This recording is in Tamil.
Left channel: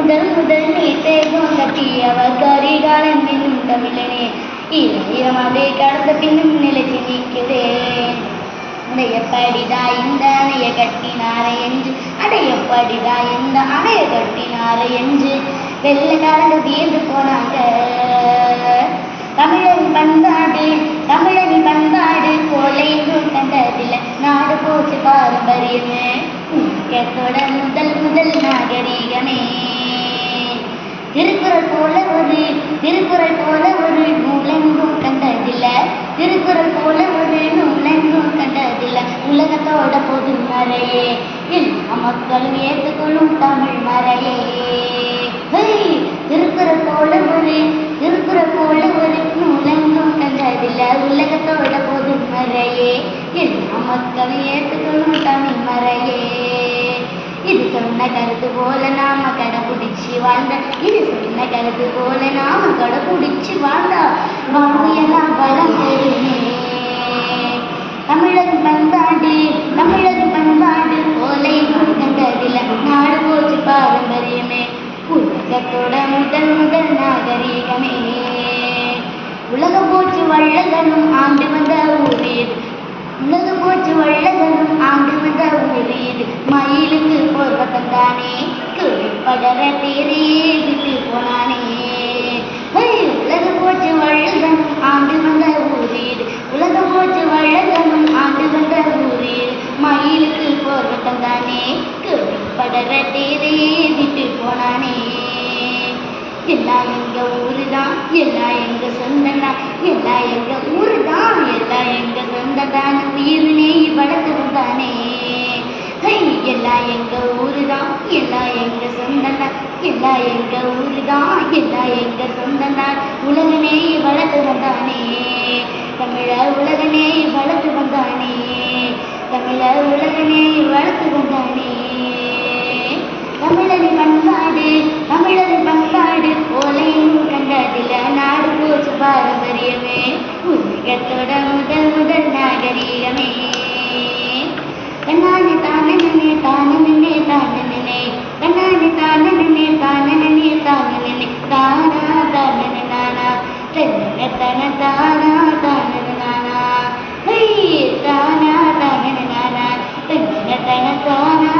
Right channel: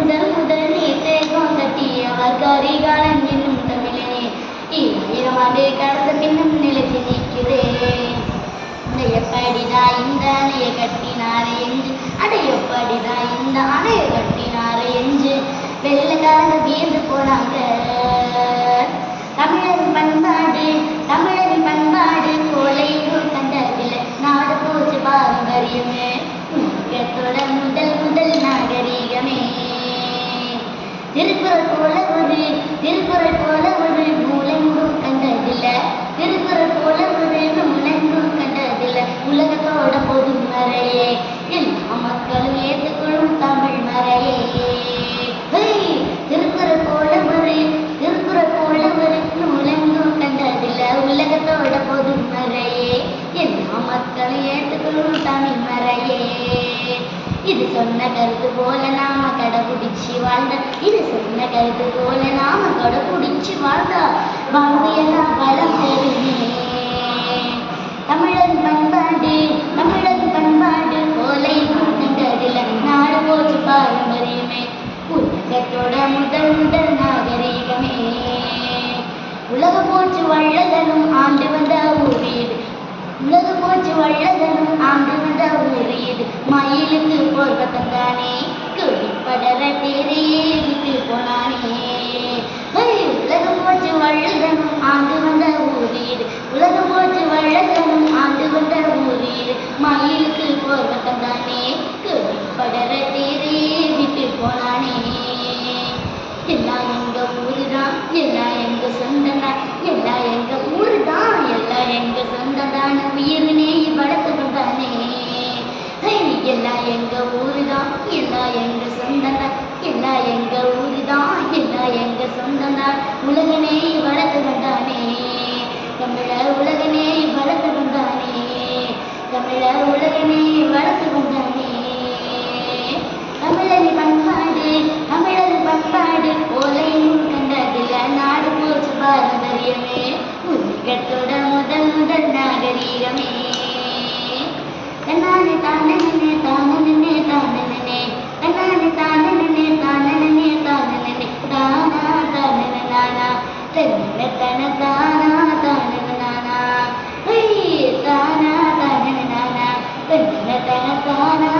முதல் நேற்றேகம் கட்டியவர் கரிகாலன் என்னும் தமிழனே ஈராயிரம் ஆண்டு கடந்த பின்னும் நிலைச்சு நிற்குதே. எப்படிடா இந்த அணைய கட்டினாரை என்று எப்படிடா இந்த அணைய கட்டினாரை என்று வெள்ளக்காரங்க வியந்து போனாங்க. தமிழரின் பண்பாடு கோலை கண்டதில்லை நாடு போச்சு பாரம்பரியமே உலகத்தோட முதல் நாகரீகமே. திருக்குறள் போல ஒரு நூலெங்கும் கண்டதில்லை திருக்குறள் போல ஒரு நூலெங்கும் கண்டதில்லை உலகத்தோட பொது மறையே எல்லா மக்களும் ஏற்றுக்கொள்ளும் தமிழ் மறையே. திருக்குறள் போல ஒரு நூலெங்கும் கண்டதில்லை உலகத்தோட பொது மறையே எல்லா மக்களும் ஏற்றுக்கொள்ளும் தமிழ் மறையே. இது சொன்ன கருத்து போல நாம கடைபிடிச்சு வாழ்ந்த வாழ்ந்து எல்லாம் பலம் பெறுமே. தமிழரின் பண்பாடு கோலை கண்டதில்லை நாடு போச்சு பாரம்பரியமே உலகத்தோட முதல் நாகரீகமே. உலக போச்சு வள்ளலும் ஆண்டு வந்த ஊரீடு மயிலுக்கு போர்வட்டம் தானே குடிப்படர தேரையே விட்டு போனானே. உலகம் போச்சு வள்ளலும் ஆண்டு வந்த ஊரீடு மயிலுக்கு போர்வட்டம் தானே குடிப்படர தேரையே விட்டு போனானே. எல்லாம் எங்க ஊருதான் எல்லாம் எங்க சொந்தம்தான் எல்லாம் எங்க ஊருதான் எல்லாம் எங்க சொந்தம்தான் உயிரினே வளர்த்து வந்தானே. எல்லாம் எங்க ஊருதான் எல்லாம் எங்க சொந்தம்தான் எல்லாம் எங்க ஊருதான் எல்லாம் எங்க சொந்தம்தான் உலகனே வளர்த்து வந்தானே. தமிழர் உலகனே வளர்த்து வந்தானே தமிழர் உலகனே வளர்த்து வந்தானே. தமிழரின் பண்பாடு கோலையும் கண்டதில்லை நாடு போச்சு பாரம்பரியமே உலகத்தோட முதல் நாகரீகமே. தன்னானே தானே தானே தன்னானே தானே தானா தானே நானா தன தானா தானே நானா தானா தானே நானா தன தானா